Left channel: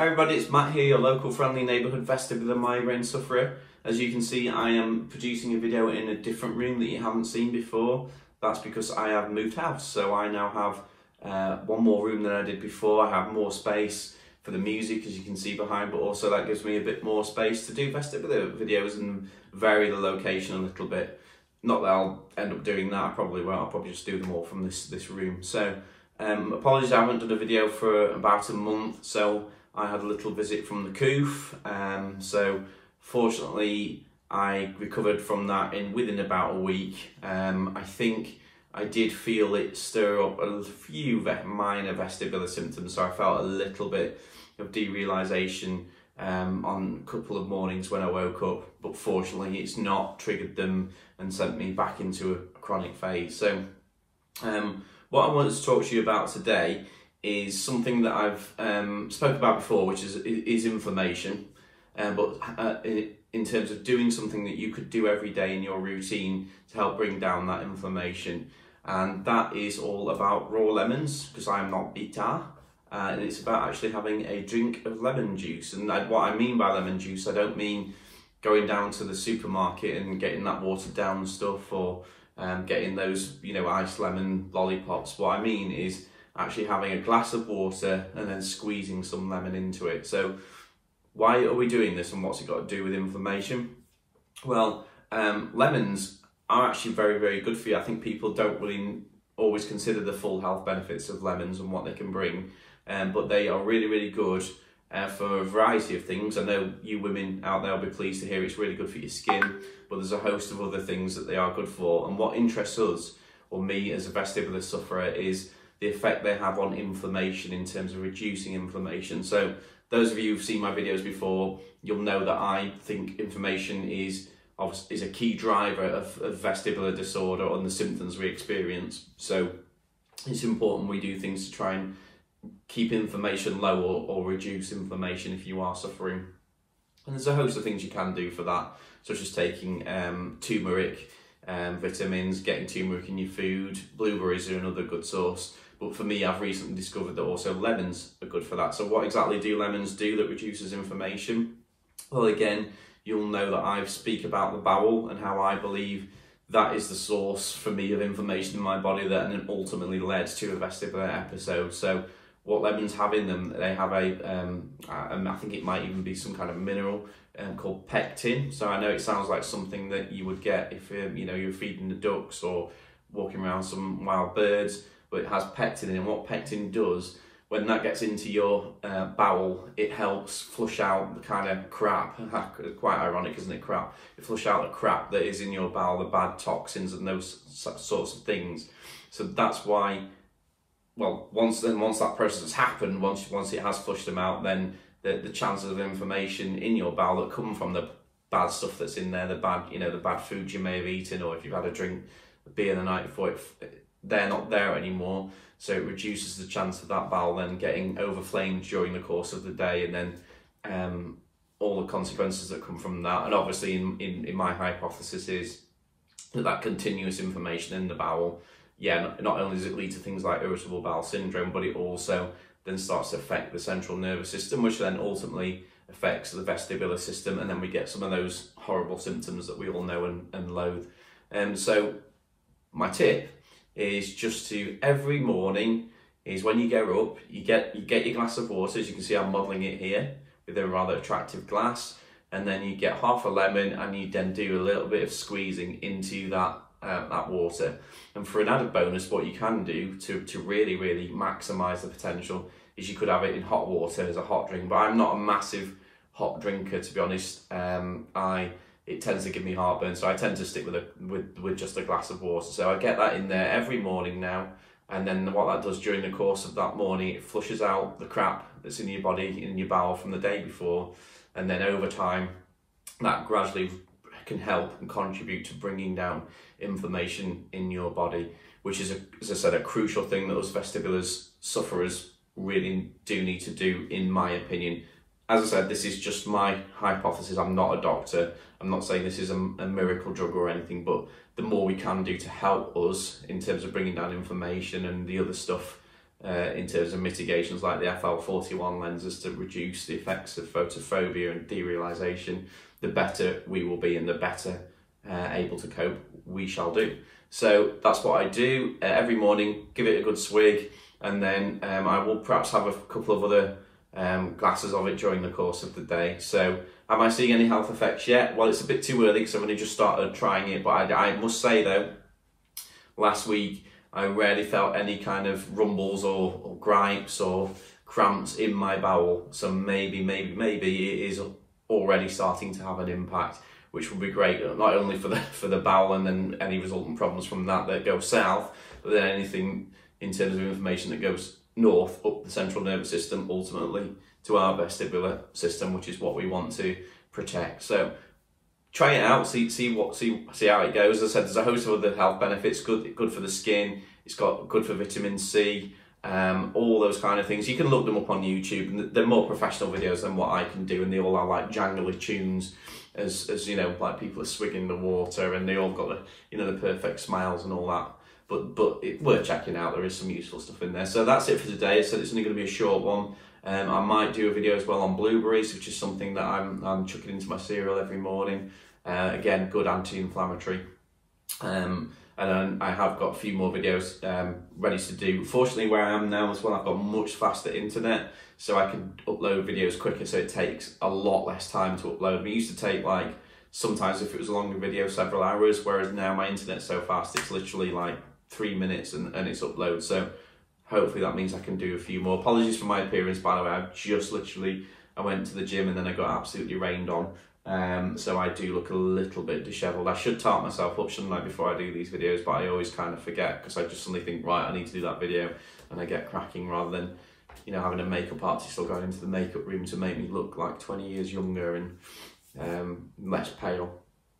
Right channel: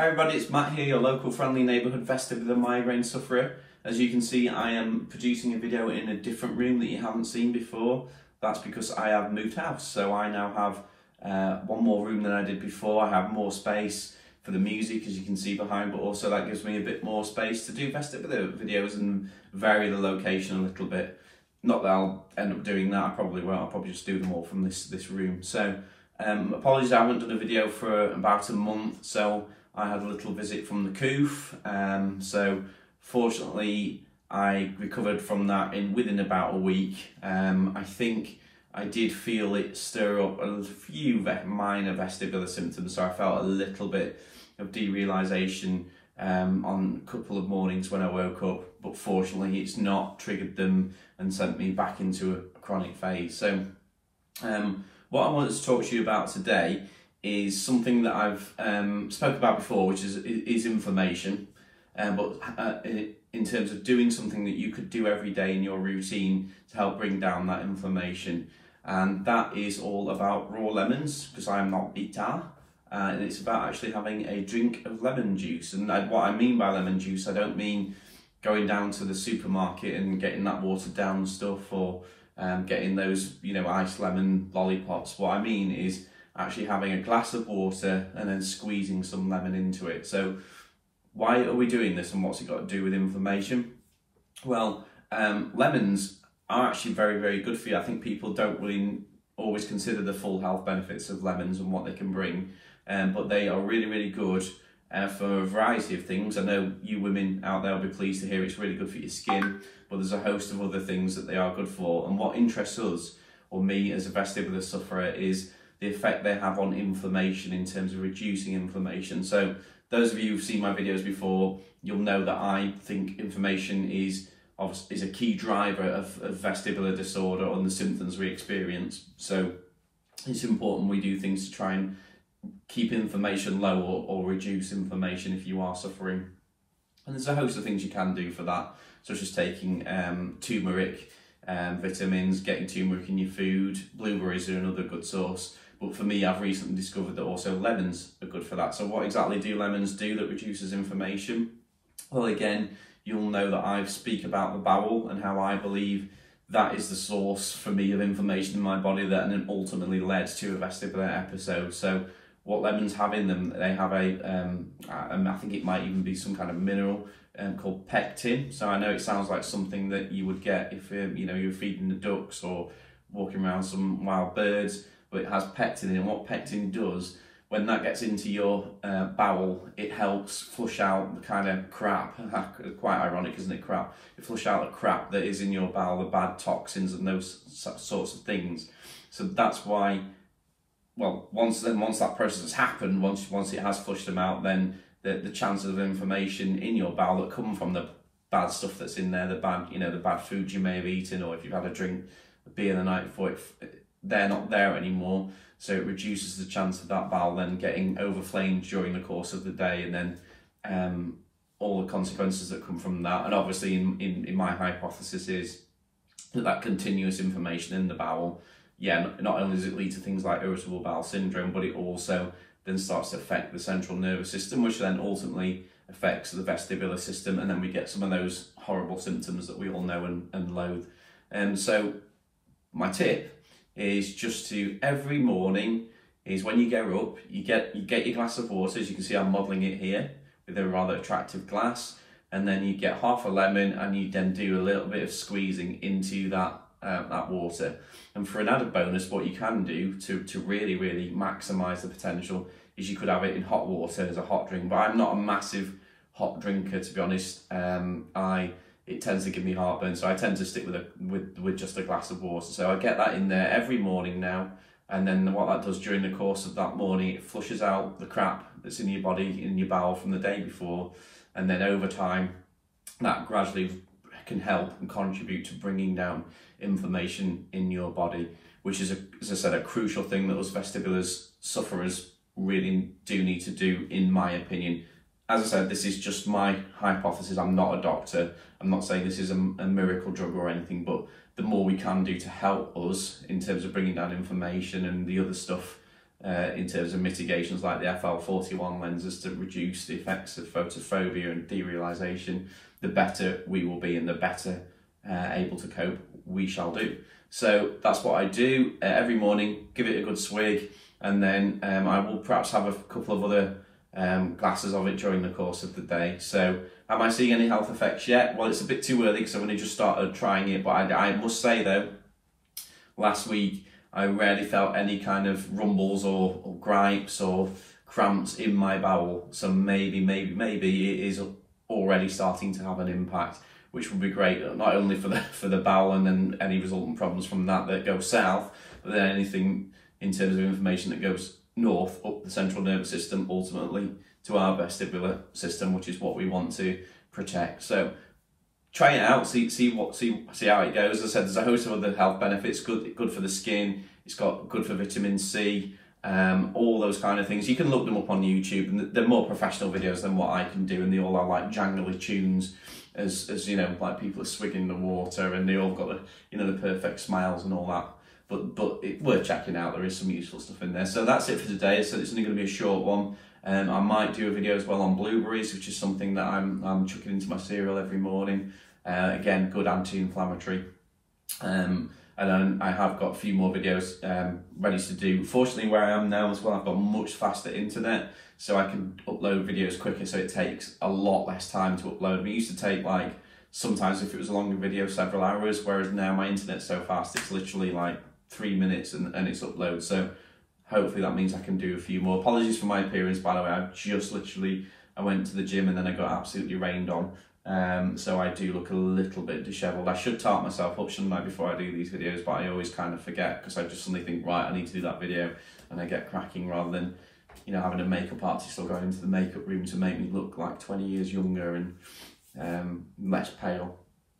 Hi everybody, it's Matt here, your local friendly neighbourhood vestibular migraine sufferer. As you can see, I am producing a video in a different room that you haven't seen before. That's because I have moved house, so I now have one more room than I did before. I have more space for the music, as you can see behind, but also that gives me a bit more space to do vestibular videos and vary the location a little bit. Not that I'll end up doing that, I probably won't, I'll probably just do them all from this room. So apologies, I haven't done a video for about a month, so I had a little visit from the coof, so fortunately I recovered from that within about a week. I think I did feel it stir up a few minor vestibular symptoms, so I felt a little bit of derealisation on a couple of mornings when I woke up, but fortunately it's not triggered them and sent me back into a chronic phase. So what I wanted to talk to you about today is something that I've spoke about before, which is inflammation, but in terms of doing something that you could do every day in your routine to help bring down that inflammation. And that is all about raw lemons, because I am not bitter, and it's about actually having a drink of lemon juice. And what I mean by lemon juice, I don't mean going down to the supermarket and getting that watered down stuff, or getting those, you know, iced lemon lollipops. What I mean is actually having a glass of water and then squeezing some lemon into it. So why are we doing this, and what's it got to do with inflammation? Well, lemons are actually very, very good for you. I think people don't really always consider the full health benefits of lemons and what they can bring, but they are really, really good for a variety of things. I know you women out there will be pleased to hear it's really good for your skin, but there's a host of other things that they are good for. And what interests us, or me as a vestibular sufferer, is the effect they have on inflammation in terms of reducing inflammation. So those of you who've seen my videos before, you'll know that I think inflammation is a key driver of vestibular disorder and the symptoms we experience. So it's important we do things to try and keep inflammation low, or reduce inflammation if you are suffering. And there's a host of things you can do for that, such as taking turmeric, vitamins, getting turmeric in your food. Blueberries are another good source. But for me, I've recently discovered that also lemons are good for that. So what exactly do lemons do that reduces inflammation? Well, again, you'll know that I speak about the bowel and how I believe that is the source for me of inflammation in my body that then ultimately led to a vestibular episode. So what lemons have in them, they have I think it might even be some kind of mineral called pectin. So I know it sounds like something that you would get if you're feeding the ducks or walking around some wild birds, but it has pectin in it. And what pectin does, when that gets into your bowel, it helps flush out the kind of crap. Quite ironic, isn't it, crap? It flush out the crap that is in your bowel, the bad toxins and those sorts of things. So that's why, well, once that process has happened, once it has flushed them out, then the chances of inflammation in your bowel that come from the bad stuff that's in there, the bad foods you may have eaten, or if you've had a drink, a beer the night before, they're not there anymore. So it reduces the chance of that bowel then getting overflamed during the course of the day, and then all the consequences that come from that. And obviously in my hypothesis is that continuous inflammation in the bowel, not only does it lead to things like irritable bowel syndrome, but it also then starts to affect the central nervous system, which then ultimately affects the vestibular system, and then we get some of those horrible symptoms that we all know and loathe. So my tip is just to, every morning, is when you get up, you get your glass of water. As you can see, I'm modelling it here with a rather attractive glass, and then you get half a lemon, and you then do a little bit of squeezing into that water. And for an added bonus, what you can do to really, really maximise the potential is you could have it in hot water as a hot drink. But I'm not a massive hot drinker, to be honest. It tends to give me heartburn, so I tend to stick with just a glass of water. So I get that in there every morning now, and then what that does during the course of that morning, it flushes out the crap that's in your body, in your bowel from the day before, and then over time, that gradually can help and contribute to bringing down inflammation in your body, which is, as I said, a crucial thing that us vestibular sufferers really do need to do, in my opinion. As I said, this is just my hypothesis. I'm not a doctor. I'm not saying this is a miracle drug or anything, but the more we can do to help us in terms of bringing down inflammation and the other stuff in terms of mitigations like the FL41 lenses to reduce the effects of photophobia and derealization, the better we will be and the better able to cope we shall do. So that's what I do every morning, give it a good swig, and then I will perhaps have a couple of other glasses of it during the course of the day. So am I seeing any health effects yet? Well, it's a bit too early because I've only just started trying it, but I must say though, last week I rarely felt any kind of rumbles or gripes or cramps in my bowel. So maybe it is already starting to have an impact, which would be great, not only for the bowel and then any resultant problems from that go south, but then anything in terms of information that goes north up the central nervous system, ultimately to our vestibular system, which is what we want to protect. So try it out, see how it goes. As I said, there's a host of other health benefits. Good for the skin. It's got good for vitamin C. All those kind of things. You can look them up on YouTube, and they're more professional videos than what I can do, and they all have like jangly tunes, as you know, like people are swigging the water, and they all got the perfect smiles and all that. But it's worth checking out. There is some useful stuff in there. So that's it for today. So it's only going to be a short one. I might do a video as well on blueberries, which is something that I'm chucking into my cereal every morning. Again, good anti-inflammatory. And then I have got a few more videos ready to do. Fortunately, where I am now as well, I've got much faster internet, so I can upload videos quicker, so it takes a lot less time to upload. It used to take, like, sometimes if it was a longer video, several hours, whereas now my internet's so fast, it's literally like 3 minutes and it's upload. So hopefully that means I can do a few more. Apologies for my appearance, by the way. I went to the gym and then I got absolutely rained on. So I do look a little bit dishevelled. I should tart myself up, shouldn't I, before I do these videos, but I always kind of forget because I just suddenly think, right, I need to do that video, and I get cracking rather than, you know, having a makeup artist or going into the makeup room to make me look like 20 years younger and less pale.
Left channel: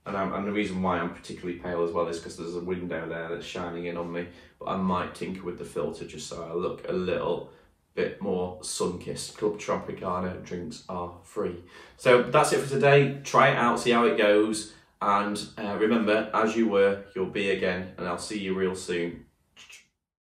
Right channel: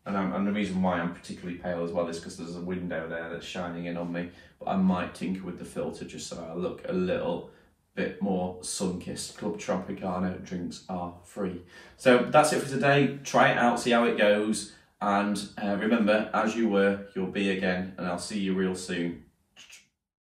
And the reason why I'm particularly pale as well is because there's a window there that's shining in on me, but I might tinker with the filter just so I look a little bit more sun-kissed. Club Tropicana drinks are free. So that's it for today. Try it out, see how it goes, and remember, as you were, you'll be again, and I'll see you real soon.